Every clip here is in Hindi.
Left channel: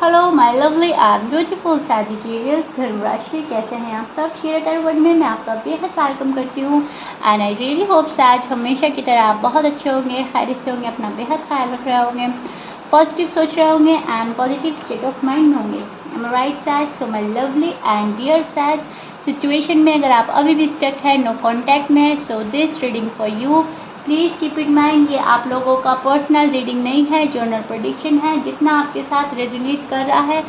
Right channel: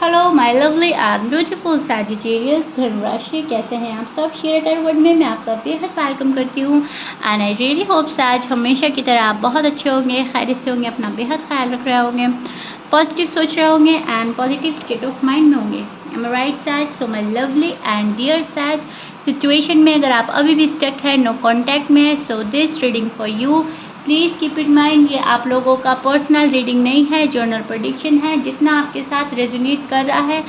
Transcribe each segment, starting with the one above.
Hello my lovely and beautiful Sagittarius धनुराशि, कैसे हैं आप सब। शेयर वर्ड में मैं आपका बेहद वेलकम करती हूँ एंड आई रियली होप्स आज हमेशा की तरह आप बहुत अच्छे होंगे, खैरियत से होंगे, अपना बेहद ख्याल रख रहे होंगे, पॉजिटिव सोच रहे होंगे and positive state of mind में होंगे। एम आई राइट सैज? So my lovely and dear सैज, सिचुएशन में अगर आप अभी भी स्टक है, नो कॉन्टैक्ट में है, so this reading for you. Please keep in mind ये आप लोगों का पर्सनल रीडिंग नहीं है, जर्नल प्रेडिक्शन है। जितना आपके साथ रेजोनेट कर रहा है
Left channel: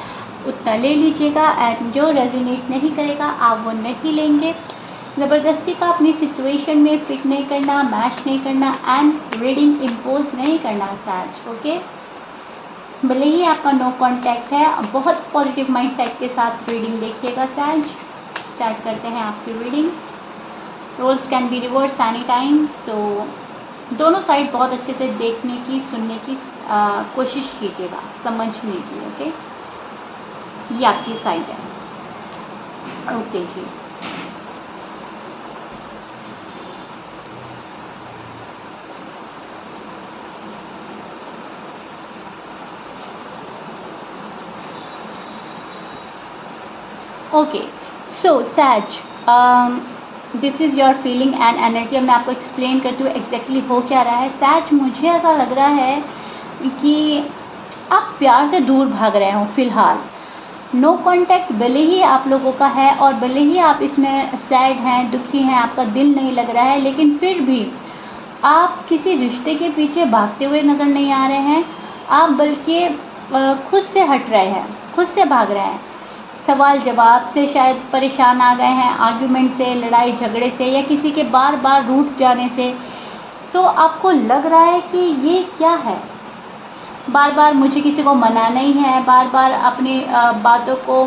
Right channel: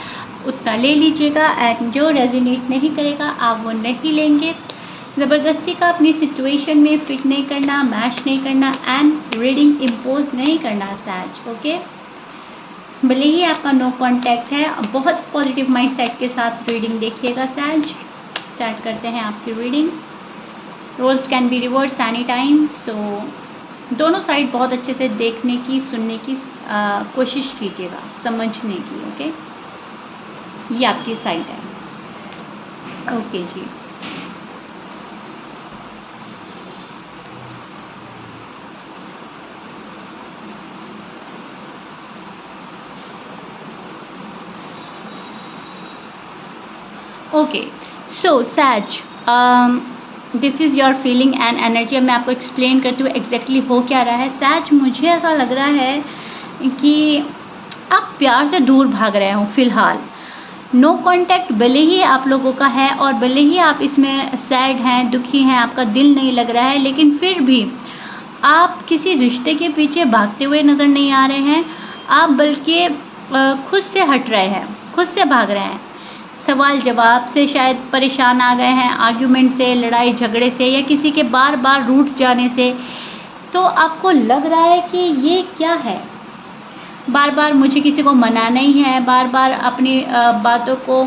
उतना ले लीजिएगा एंड जो रेजोनेट नहीं करेगा आप वो नहीं लेंगे। ज़बरदस्ती का अपनी सिचुएशन में फिट नहीं करना, मैच नहीं करना एंड रीडिंग इम्पोज नहीं करना सैज, ओके। भले ही आपका नो कॉन्टैक्ट है, बहुत पॉजिटिव माइंड सेट के साथ रीडिंग देखिएगा सैज। स्टार्ट करते हैं आपकी reading. Roles can be reverse any time, so दोनों साइड बहुत अच्छे से देखने की, सुनने की कोशिश कीजिएगा, समझने की, ओके। ये आपकी साइड है, ओके जी। ओके सो सैज, this is your feeling and energy. अब मैं आपको एक्सप्लेन करती हूँ एग्जैक्टली हो क्या रहा है सैज। मुझे ऐसा लग रहा है कि आप प्यार से दूर भाग रहे हो फिलहाल। नो कांटेक्ट भले ही आप लोगों का है और भले ही आप इसमें सैड हैं, दुखी हैं, आपका दिल नहीं लग रहा है, लेकिन फिर भी आप किसी रिश्ते के पीछे भागते हुए नज़र नहीं आ रहे हैं। आप बल्कि खुद से हट रहे हैं, खुद से भाग रहे हैं। सवाल जवाब से शायद परेशान आ गए हैं, आर्ग्यूमेंट से, लड़ाई झगड़े से या किसी के बार बार रूठ जाने से। तो आपको लग रहा है कि ये क्या है, बार बार मुझे किसी को मनाना ही है, बार बार अपनी बातों को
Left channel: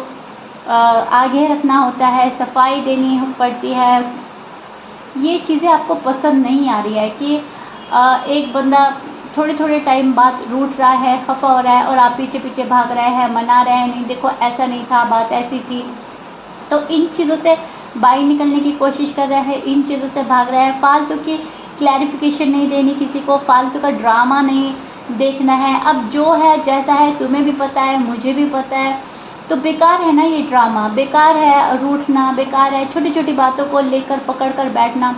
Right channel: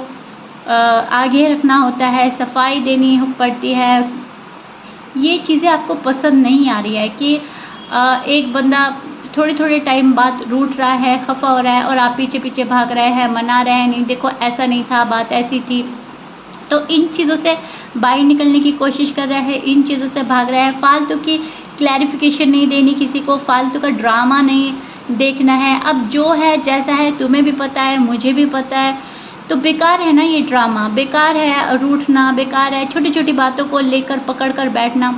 आगे रखना होता है, सफाई देनी पड़ती है। ये चीज़ें आपको पसंद नहीं आ रही है कि एक बंदा थोड़े थोड़े टाइम बाद रूठ रहा है, खफा हो रहा है और आप पीछे पीछे भाग रहे हैं, मना रहे हैं, नहीं देखो ऐसा नहीं था, बात ऐसी थी। तो इन चीज़ों से बाहर निकलने की कोशिश कर रहे हैं, इन चीज़ों से भाग रहे हैं। फालतू की क्लैरिफिकेशन नहीं देनी किसी को, फालतू का ड्रामा नहीं देखना है। अब जो है जैसा है, तुम्हें भी पता है, मुझे भी पता है, तो बेकार है ना ये ड्रामा, बेकार है रूठना, बेकार है छोटी छोटी बातों को लेकर पकड़ कर बैठना।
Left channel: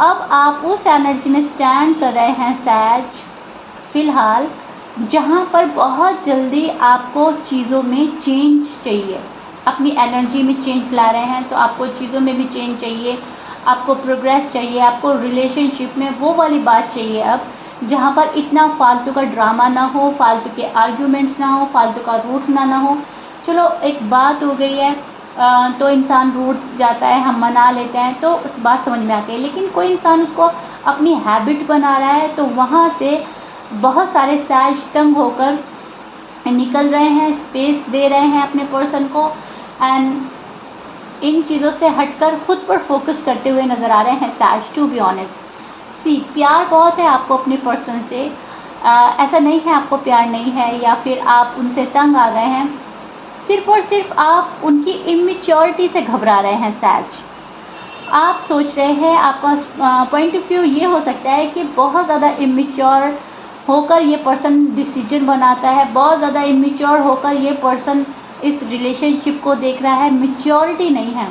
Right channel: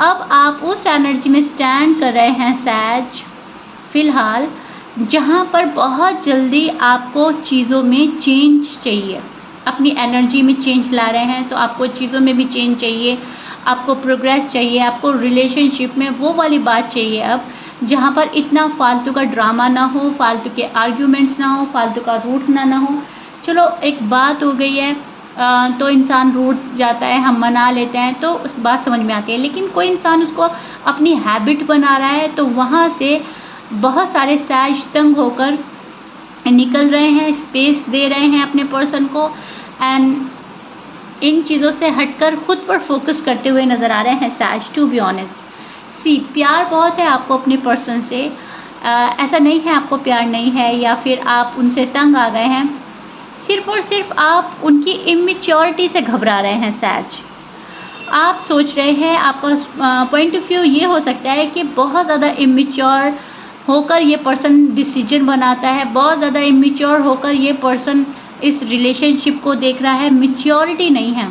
अब आप उस एनर्जी में स्टैंड कर रहे हैं सैज फिलहाल, जहाँ पर बहुत जल्दी आपको चीज़ों में चेंज चाहिए, अपनी एनर्जी में चेंज ला रहे हैं। तो आपको चीज़ों में भी चेंज चाहिए, आपको प्रोग्रेस चाहिए, आपको रिलेशनशिप में वो वाली बात चाहिए अब जहाँ पर इतना फालतू का ड्रामा ना हो, फालतू के आर्ग्यूमेंट्स ना हो, फालतू का रूठना ना हो। चलो एक बात हो गई है तो इंसान रूठ जाता है, हम मना लेते हैं तो उस बात समझ में आती है, लेकिन कोई इंसान उसको अपनी हैबिट बना रहा है तो वहाँ से बहुत सारे सैज तंग होकर निकल रहे हैं, स्पेस दे रहे हैं अपने पर्सन को एंड इन चीज़ों से हटकर खुद पर फोकस करते हुए नज़र आ रहे हैं सैज। टू बी ऑनेस्ट सी, प्यार बहुत है आपको अपने पर्सन से, ऐसा नहीं है आपको प्यार नहीं है या फिर आप उनसे तंग आ गए हैं। सिर्फ और सिर्फ आप उनकी इमेच्योरिटी से घबरा रहे हैं सैज। आप सोच रहे हैं, आपका पॉइंट ऑफ व्यू ये हो सकता है कि बहुत ज़्यादा इमेच्योर होकर ये पर्सन डिसीजन बनाता है, बहुत ज़्यादा इमेच्योर होकर ये पर्सन इस रिलेशनशिप को देख रहा है। मैच्योरिटी नहीं है,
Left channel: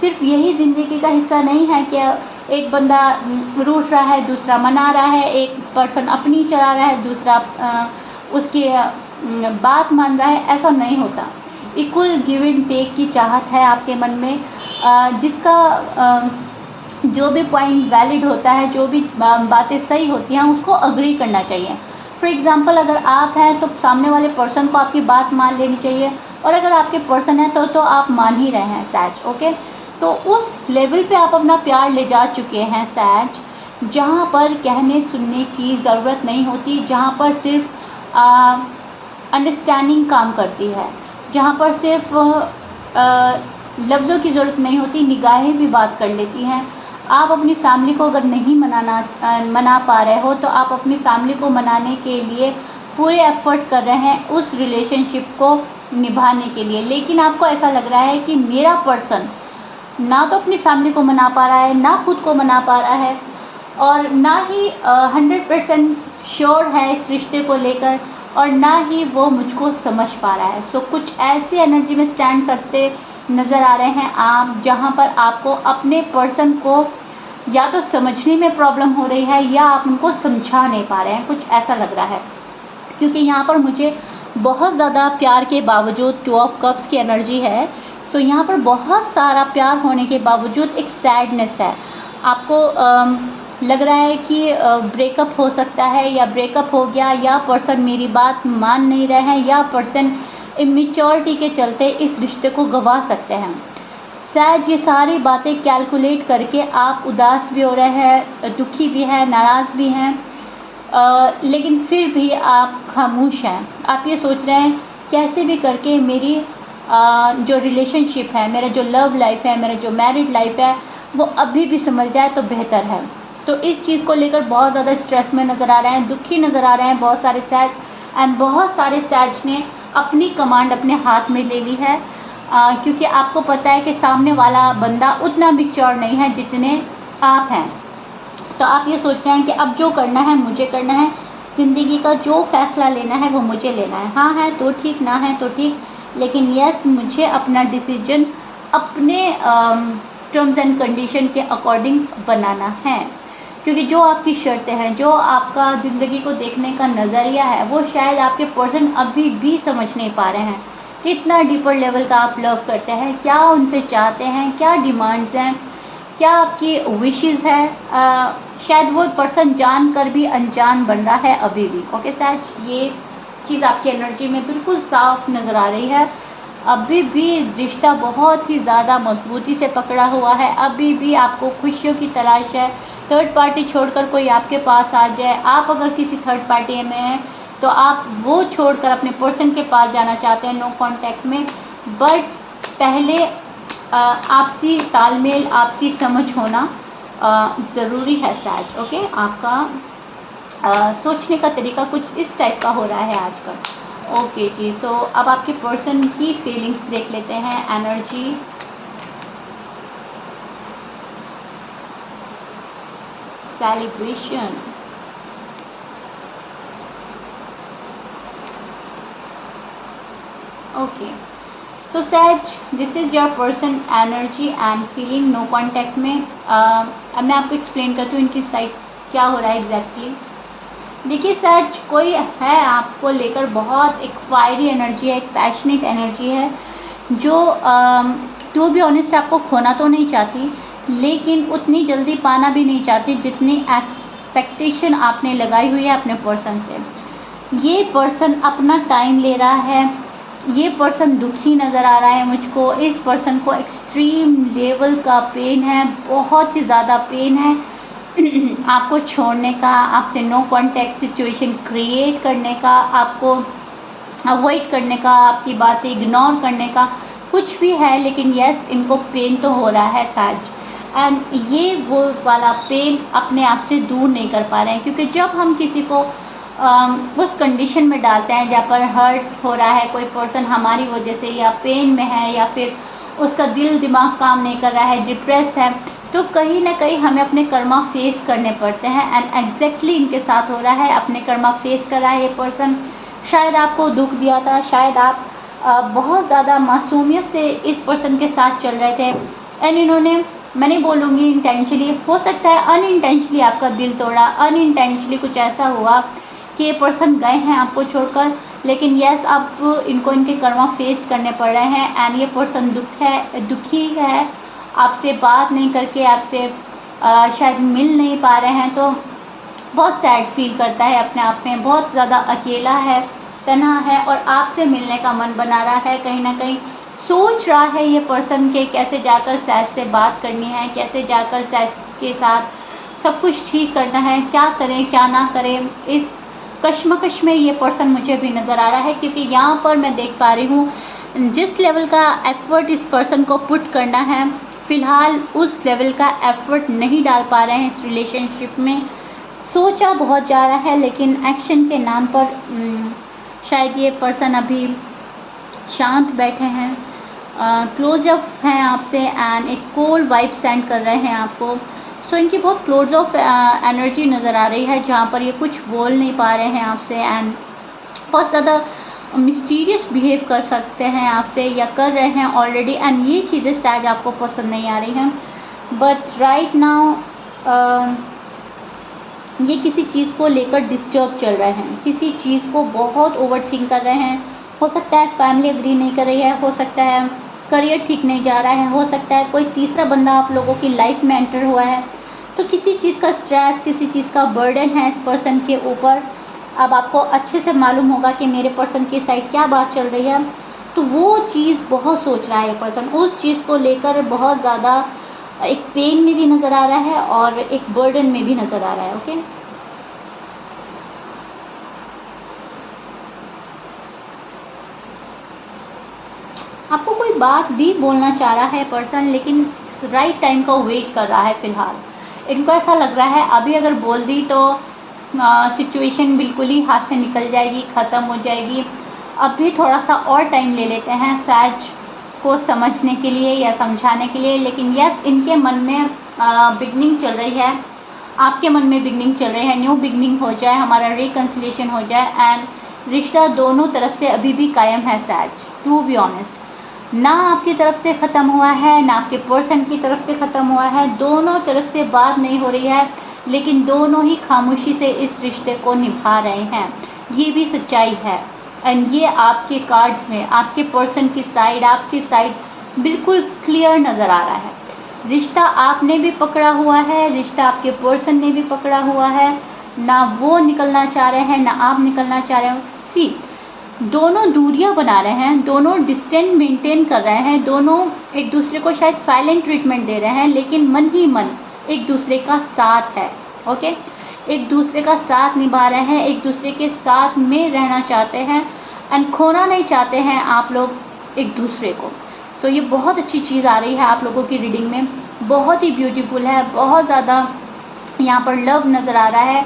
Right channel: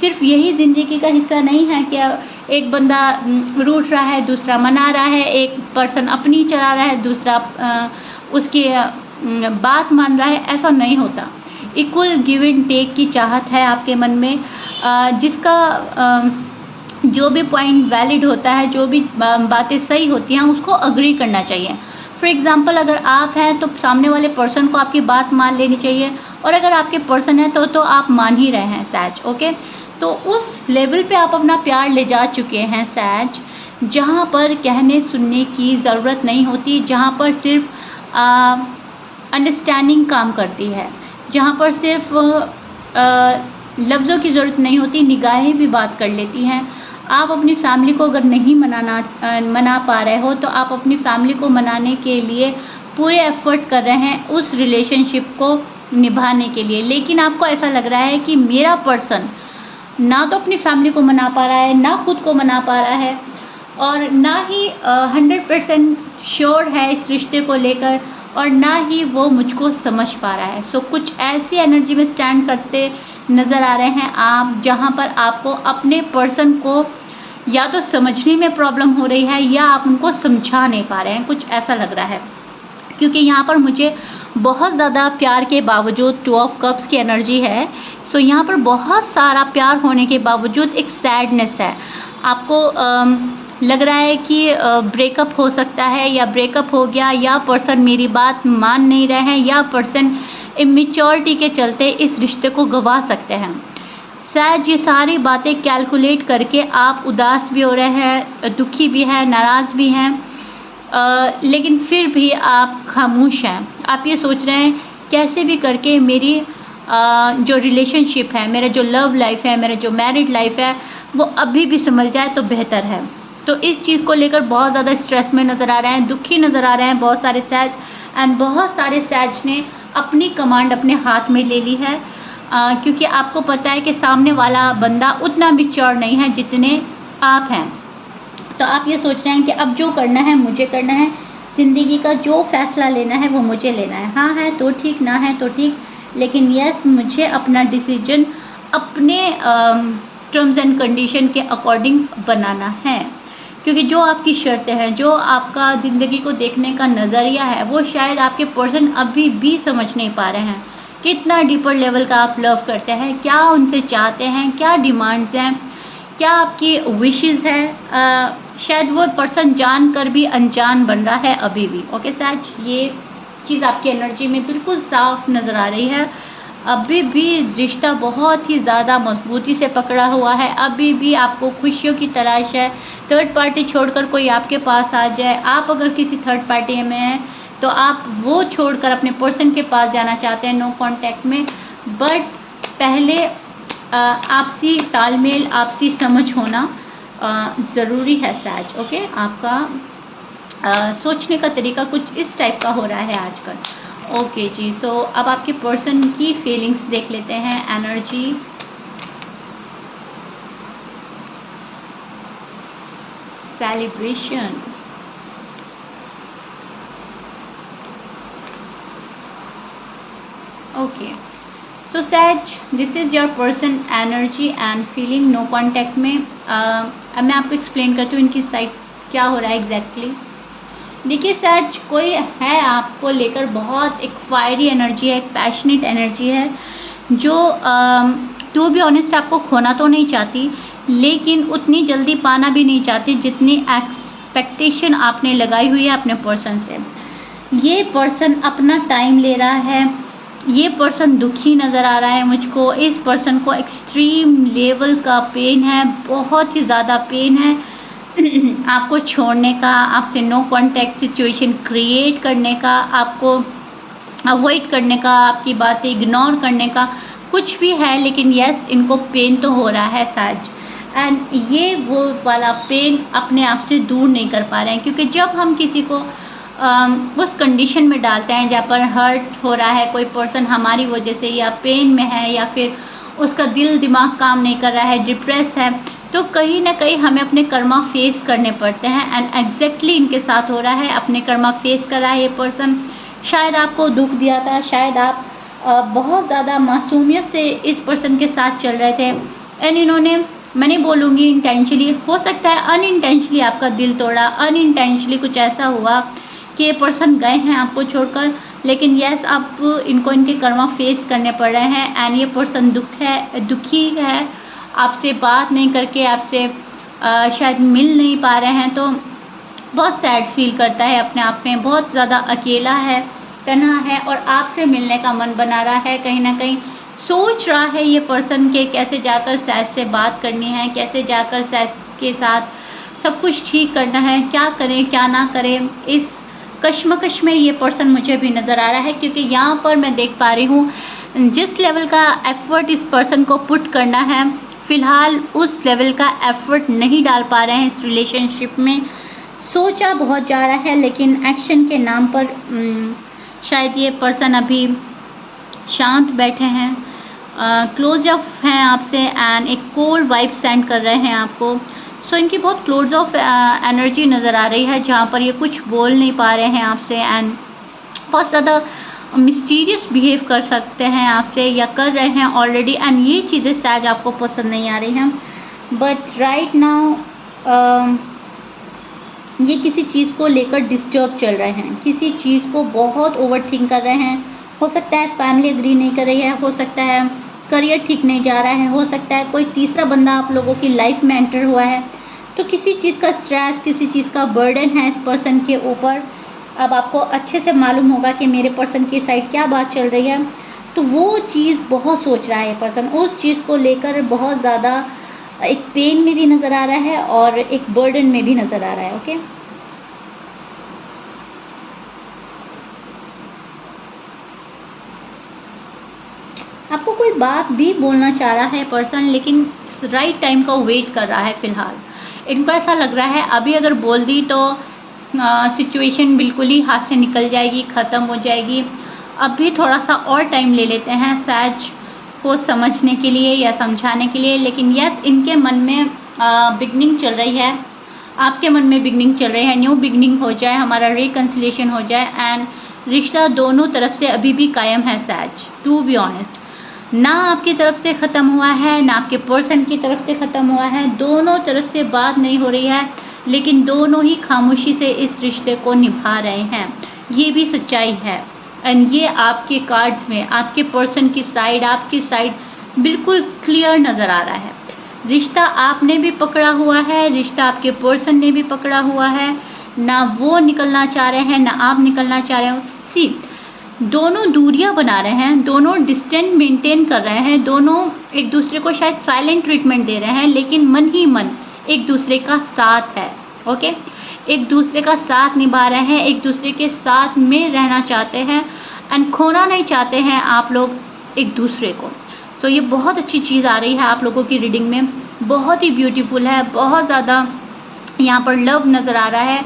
सिर्फ यही ज़िंदगी का हिस्सा नहीं है कि एक बंदा रूठ रहा है, दूसरा मना रहा है, एक पर्सन अपनी चला रहा है, दूसरा उसकी बात मान रहा है। ऐसा नहीं होता। इक्वल गिव एंड टेक की चाहत है आपके मन में, जिसका जो भी पॉइंट वैलिड होता है, जो भी बातें सही होती हैं उसको अग्री करना चाहिए। फॉर एग्जांपल अगर आप हैं तो सामने वाले पर्सन को आपकी बात मान लेनी चाहिए, और अगर आपके पर्सन है तो आप मान ही रहे हैं सैज, ओके। तो उस लेवल पे आप अपना प्यार ले जा चुके हैं सैज, जहाँ पर कहने सुनने की ज़रूरत नहीं होती, जहाँ पर सिर्फ अंडरस्टैंडिंग काम करती है, जहाँ पर सिर्फ लफ्ज़ों की ज़रूरत नहीं होती, निगाहें भी बात कर लेती हैं। आप अपनी फैमिली को अगर नहीं मना पा रहे हो तो आप अपनी फैमिली को मनाने के लिए पूरे एफर्ट कर रहे हैं उस रिलेशनशिप को निभाने के लिए, लेकिन आपको ऐसा लग रहा है कि मेरा पर्सन ना तो अपनी फैमिली को मना पा रहा है, ना खुद को मना पा रहा है, और ना ही 100% श्योर है इस रिश्ते को लेकर, और ना ही वो मुझको समझ पा रहा है। सो कुछ ऐसी एनर्जी में स्टैंड करते नज़र आ रहे हैं आप, जहाँ पर आपको अपने पर्सन को या तो समझने में प्रॉब्लम हो रही है या आप उनको समझा नहीं पा रहे हैं, कुछ ऐसा लग रहा है। क्योंकि यहाँ पर मुझे बहुत ज़्यादा प्यार के बावजूद 2 ऑफ कप्स की एनर्जी है। सो यहाँ पर बहुत सारा प्यार होने के बावजूद एक सैडनेस है। आपको लग रहा है कि ब्रेकअप हो सकता है या ब्रेकअप हो गया, या पर्सन मेरी बात मान नहीं रहे हैं, या पर्सन इमेच्योरिटी के चलते इस रिश्ते को गंवा सकते हैं। शायद ये सारी बातें कैलकुलेट करके आप उदास भी हो रहे हैं, दुखी भी हैं, नाराज़ भी हैं, लेकिन फिर भी आप खामोश हैं। आप ये सोच रहे हैं कैसे भी करके मेरी जो रिलेशनशिप है, मेरा जो लव लाइफ है, मेरा जो मैरिड लाइफ है, वो अभी भी संभल जाए तो बेहतर है। तो इस चीज़ को लेकर बहुत ज़्यादा स्ट्रेस में नज़र आ रहे हैं, दुखी नज़र आ रहे हैं बहुत सारे सैज, एंड बहुत सारे सैज ने अपनी कमांड अपने हाथ में ले ली है, क्योंकि आपको पता है कि सामने वाला बंदा उतना मैच्योर नहीं है जितने आप हैं। तो आप ये सोच रहे हैं कि अब जो करना है मुझे करना है, ज़िंदगी का जो फैसला लेना है वो मुझे लेना है। हाँ है तो ठीक, ना है तो ठीक, लेकिन यस मुझे अपना डिसीजन अपने टर्म्स एंड कंडीशन के अकॉर्डिंग बनाना है। क्योंकि जो आपकी शर्तें हैं, जो आपका ज़िंदगी को देखने का नज़रिया है, वो शायद आपके पर्सन अभी भी समझ नहीं पा रहे हैं। कितना डीपर लेवल का आप लव करते हैं, क्या उनसे चाहते हैं, क्या डिमांड्स हैं, क्या आपकी विशेस है। शायद वो पर्सन जानकर भी अनजान बन रहा है अभी भी। ओके सच, ये चीज़ आपकी एनर्जी में बिल्कुल साफ नज़र आ रही है। अभी भी रिश्ता बहुत ही ज़्यादा मजबूती से पकड़ा हुआ है, अभी भी आपको खुशियों की तलाश है। थर्ड पार्टी छोड़कर कोई आपके पास आ जाए, आप अगर किसी थर्ड पार्टी में हैं तो आप वो छोड़कर अपने पर्सन के पास जाना चाहते हैं, नो कांटेक्ट में। बट पहले आपसी तालमेल, आपसी समझ होना ज़रूरी है सैज। ओके, आपका सोचने का तरीका कुछ इस टाइप का हो रहा है आजकल। ओके जी, सो अब आपके पर्सन की फीलिंग्स देख लेते हैं, एनर्जी। Celebration, okay. सो सैज, this is your person energy and feeling, no contact में। अब मैं आपको एक्सप्लेन करती हूँ इनकी साइड क्या हो रहा है एग्जैक्टली। देखिए सैज, कोई है आपको लेकर बहुत एक फायरी एनर्जी है, एक पैशनेट एनर्जी है, जो टू बी ऑनेस्ट आपको खोना तो नहीं चाहती, लेकिन उतनी जल्दी पाना भी नहीं चाहती जितनी एक्सपेक्टेशन आपने लगाई हुई है अपने पर्सन से। ये पर्सन अपना टाइम ले रहा है, ये पर्सन दुखी नज़र आ रहा है मुझको। इस पर्सन को एक्सट्रीम लेवल का पेन है, बहुत ही ज़्यादा पेन है आपको छोड़ने का, आपसे नो कांटेक्ट सिचुएशन क्रिएट करने का, आपको अवॉइड करने का, आपकी बातें इग्नोर करने का, कुछ भी है। लेकिन यस, इनको पेन तो हो रहा है सैज, एंड ये वो वाला पेन अपने आप से दूर नहीं कर पा रहे हैं। क्योंकि जब हम किसी को उस कंडीशन में डालते हैं जहाँ पर हर्ट हो रहा है कोई पर्सन हमारी वजह से, या पेन में है, या फिर उसका दिल दिमाग काम नहीं कर रहा है, डिप्रेस है, तो कहीं ना कहीं हमें अपने कर्मा फेस करने पड़ते हैं। एंड एग्जैक्टली इनके साथ हो रहा है, अपने कर्मा फेस कर रहा है ये पर्सन। शायद आपको दुख दिया था, शायद आप बहुत ज़्यादा मासूमियत से इस पर्सन के साथ चल रहे थे, एंड इन्होंने, मैं नहीं बोलूँगी इंटेंशनली, हो सकता है अनइंटेंशनली आपका दिल तोड़ा, अनइंटेंशनली कुछ ऐसा हुआ कि ये पर्सन गए हैं आपको छोड़कर। लेकिन यस, अब इनको इनके कर्मा फेस करने पड़ रहे हैं, एंड ये पर्सन दुखी है, आपसे बात नहीं करके, आपसे शायद मिल नहीं पा रहे हैं, तो बहुत सैड फील करता है अपने आप में, बहुत ज़्यादा अकेला है, तन्हा है, और आपसे मिलने का मन बना रहा है। कहीं ना कहीं सोच रहा है ये पर्सन के कैसे जाकर सैज से बात करनी है, कैसे जाकर सैज के साथ सब कुछ ठीक करना है, क्या करें क्या ना करें। इस कश्मकश में ये पर्सन मुझे भी नज़र आ रहा है, क्योंकि यहाँ पर मैं देख पा रही हूँ जिस लेवल का एफर्ट इस पर्सन को पुट करना है, फ़िलहाल उस लेवल का एफर्ट नहीं डाल पा रहे हैं इस रिलेशनशिप में। सोचा बहुत जा रहा है, लेकिन एक्शन के नाम पर शायद ये पर्सन अभी शांत बैठे हैं, क्लोज अप हैं आपसे, एंड एक कोल्ड वाइब सेंड कर रहे हैं आपको। सो इनकी बहुत क्लोज ऑफ एनर्जी नज़र आ रही है, जहाँ पर ये कुछ बोल नहीं पा रहे हैं आपसे, एंड बहुत ज़्यादा मिस्टीरियस बिहेव कर सकते हैं आपसे या कर रहे हैं ऑलरेडी, एंड ये चीज़ें शायद आपको पसंद नहीं आ रही हैं। बट राइट नाउ ये किसी चीज़ को लेकर डिस्टर्ब चल रहे हैं, किसी चीज़ को बहुत ओवरथिंक कर रहे हैं। हो सकता है फैमिली एग्री नहीं कर रही है, हो सकता है करियर ठीक नहीं जा रहा है, हो सकता है कोई तीसरा बंदा आप लोगों की लाइफ में एंटर हुआ है। तो किसी चीज़ का स्ट्रेस, किसी चीज़ का बर्डन है इस पर्सन के ऊपर। अब आपको अच्छे से मालूम होगा कि मेरे पर्सन की साइड क्या बात चल रही है। तो वो चीज़ बहुत सोच रहा है पर्सन, उस चीज़ को लेकर बहुत ज़्यादा एक पेन में भी नज़र आ रहा है और एक बर्डन में भी नज़र आ रहा है। ओके, आपको कोई बात भी बोलना चाह रहा है पर्सन, लेकिन राइट टाइम का वेट कर रहा है फ़िलहाल। इनको ऐसा लग रहा है अभी अगर बोल दी तो सिचुएशन बिल्कुल ही हाथ से निकल जाएगी, ख़त्म हो जाएगी। अभी थोड़ा सा और टाइम ले लेते हैं सैज को समझने के लिए या समझाने के लिए। लेकिन यस, इनके मन में बिगनिंग चल रही है, आपके मन में बिगनिंग चल रही है। न्यू बिगनिंग हो जाए, हमारा रिकन्सिलेशन हो जाए, एंड रिश्ता दोनों तरफ से अभी भी कायम है सैज। टू बी ऑनेस्ट, ना आपकी तरफ से ख़त्म हुआ है, ना आपके पर्सन की तरफ से ख़त्म हुआ है। दोनों तरफ से बात नहीं हो रही है, लेकिन दोनों ही खामोशी से इस रिश्ते को निभा रहे हैं। ये भी सच्चाई है, एंड ये आपके कार्ड्स में आपके पर्सन की साइड, आपकी साइड बिल्कुल क्लियर नज़र आ रहा है। रिश्ता आपने भी पकड़ा हुआ है, रिश्ता आपके पर्सन ने भी पकड़ा हुआ है। ना वो निकलना चाह रहे हैं, ना आप निकलना चाह रहे हो। सी, दोनों दूरियां बना रहे हैं, दोनों डिस्टेंस मेंटेन कर रहे हैं, दोनों एक दूसरे को शायद साइलेंट ट्रीटमेंट दे रहे हैं, लेकिन मन ही मन एक दूसरे का साथ है। ओके, एक दूसरे का साथ निभा रहे हैं, एक दूसरे के साथ में रहना चाहते हैं, एंड खोना नहीं चाहते हैं आप लोग एक दूसरे को। तो ये बहुत अच्छी चीज़ आ रही है आप लोगों की रीडिंग में, बहुत ही ब्यूटीफुल है, बहुत ज़्यादा यहाँ पर लव नज़र आ रहा है।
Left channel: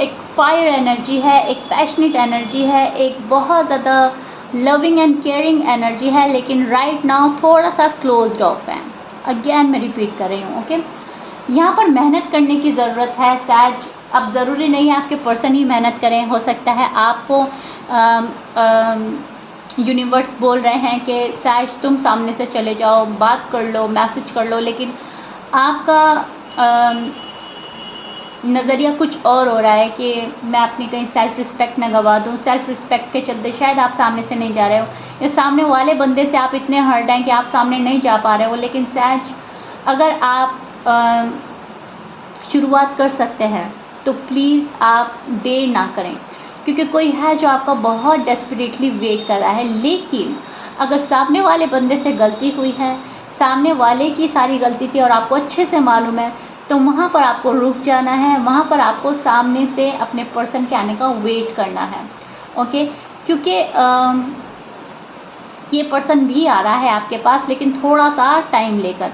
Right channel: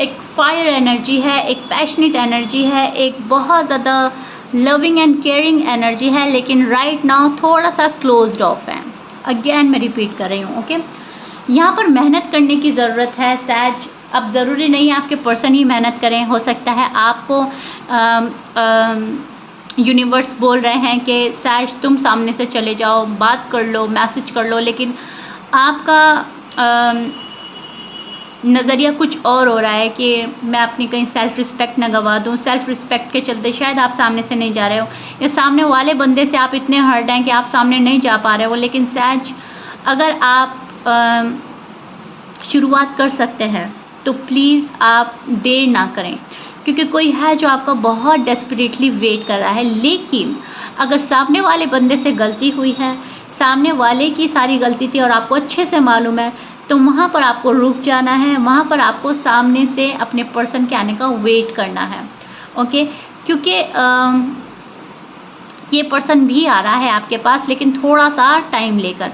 एक फायर एनर्जी है, एक पैशनेट एनर्जी है, एक बहुत ज़्यादा लविंग एंड केयरिंग एनर्जी है, लेकिन राइट नाउ थोड़ा सा क्लोज्ड ऑफ है। अगेन मैं रिपीट कर रही हूँ। ओके, यहाँ पर मेहनत करने की ज़रूरत है सैज। अब ज़रूरी नहीं है आपके पर्सन ही मेहनत करें, हो सकता है आपको यूनिवर्स बोल रहे हैं कि सैज तुम सामने से चले जाओ, बात कर लो, मैसेज कर लो, लेकिन आपका नज़रिया कुछ और हो रहा है कि मैं अपनी कहीं सेल्फ रिस्पेक्ट न गवा दूँ। सेल्फ रिस्पेक्ट के चलते शायद आप सामने से नहीं जा रहे हो, या सामने वाले बंदे से आप इतने हर्ट हैं कि आप सामने नहीं जा पा रहे हो। लेकिन सैज, अगर आप शुरुआत कर सकते हैं तो प्लीज़ आप देर ना करें, क्योंकि कोई है जो आपका बहुत डेस्परेटली वेट कर रहा है। लेकिन अगर सामने वाले बंदे से गलती हुई है, सामने वाले की सारी गलती थी और आपको अच्छे से मालूम है, तो वहाँ पर आपको रुक जाना है, वहाँ पर आपको सामने से अपने पर्सन के आने का वेट करना है। ओके, क्योंकि ये पर्सन भी आ रहा है आपके पास, लेकिन थोड़ा सा टाइम लेकर।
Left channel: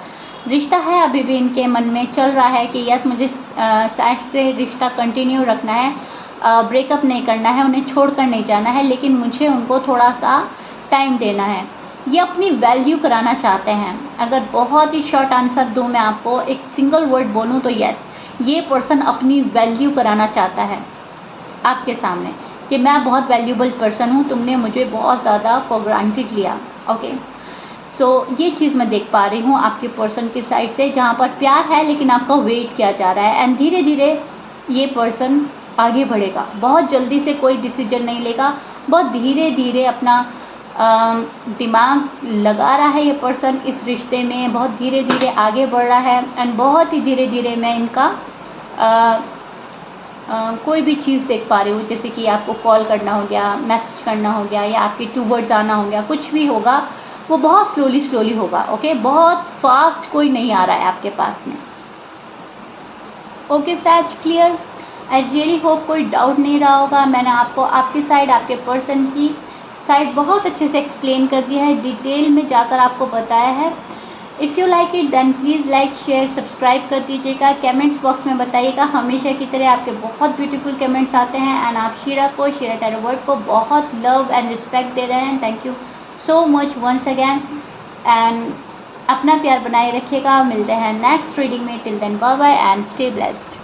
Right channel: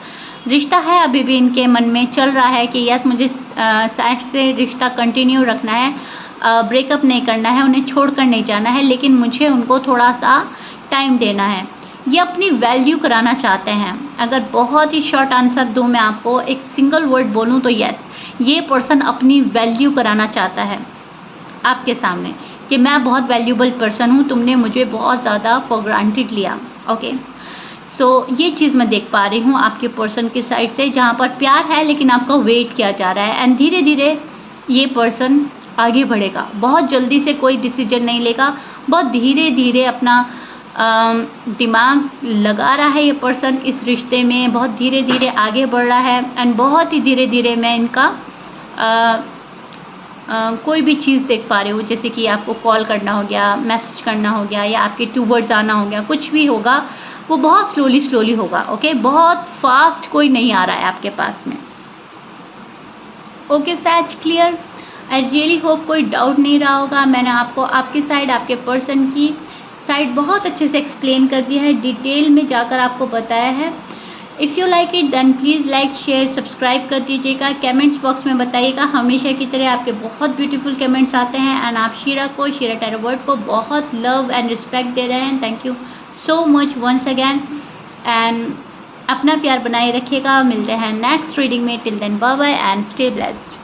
रिश्ता है अभी भी इनके मन में चल रहा है कि यस, मुझे साइड से रिश्ता कंटिन्यू रखना है, ब्रेकअप नहीं करना है, उन्हें छोड़कर नहीं जाना है, लेकिन मुझे उनको थोड़ा सा टाइम देना है। ये अपनी वैल्यू कराना चाहते हैं। अगर बहुत ही शॉर्ट आंसर दूं मैं आपको, एक सिंगल वर्ड बोलूं तो यस, ये पर्सन अपनी वैल्यू कराना चाहता है आपके सामने कि मैं बहुत वैल्यूबल पर्सन हूँ, तुमने मुझे बहुत ज़्यादा फॉर ग्रांटेड लिया। ओके, सो ये चीज़ मैं देख पा रही हूँ आपके पर्सन की साइड से, जहाँ पर प्यार है लेकिन आपका वेट किया जा रहा है। एंड धीरे धीरे ये पर्सन आगे बढ़ेगा, बहुत जल्दी से कोई डिसीजन नहीं लेगा, बहुत धीरे धीरे अपना दिमाग लगा रहा है ये पर्सन इस रिश्ते में, बहुत धीरे धीरे आगे बढ़ रहा है। एंड बहुत ही धीरे धीरे मैं इनका कोई भी चीज़ देख पा रही हूँ, जैसे कि आपको कॉल करना हो गया, मैसेज करना हो गया, या आपके टूवर्ड्स आना हो गया, कुछ भी होगा वो बहुत स्लोली होगा। ओके, बहुत फास्ट कोई नहीं आ रहा है आपके पास में। ओके सैज, क्लियर? आई रियली होप कोई डाउट नहीं रहा होगा। मैंने आपको आपकी साइड, आपके पर्सन की साइड बहुत अच्छे से एक्सप्लेन कर दिया है, डिटेल में जाकर आपको बताया है। If you like it then please like, share, subscribe कर दीजिएगा। कमेंट्स बॉक्स में बताइएगा, हमेशा की तरह आपके बहुत ब्यूटीफुल कमेंट्स आते हैं, एंड आप शीरा टैरो वर्ड को बहुत लव एंड रिस्पेक्ट दे रहे हैं। Thank you so much once again, and अपना प्यार बनाए रखिएगा। मिलते हैं नेक्स्ट रीडिंग में। Till then bye bye and stay blessed.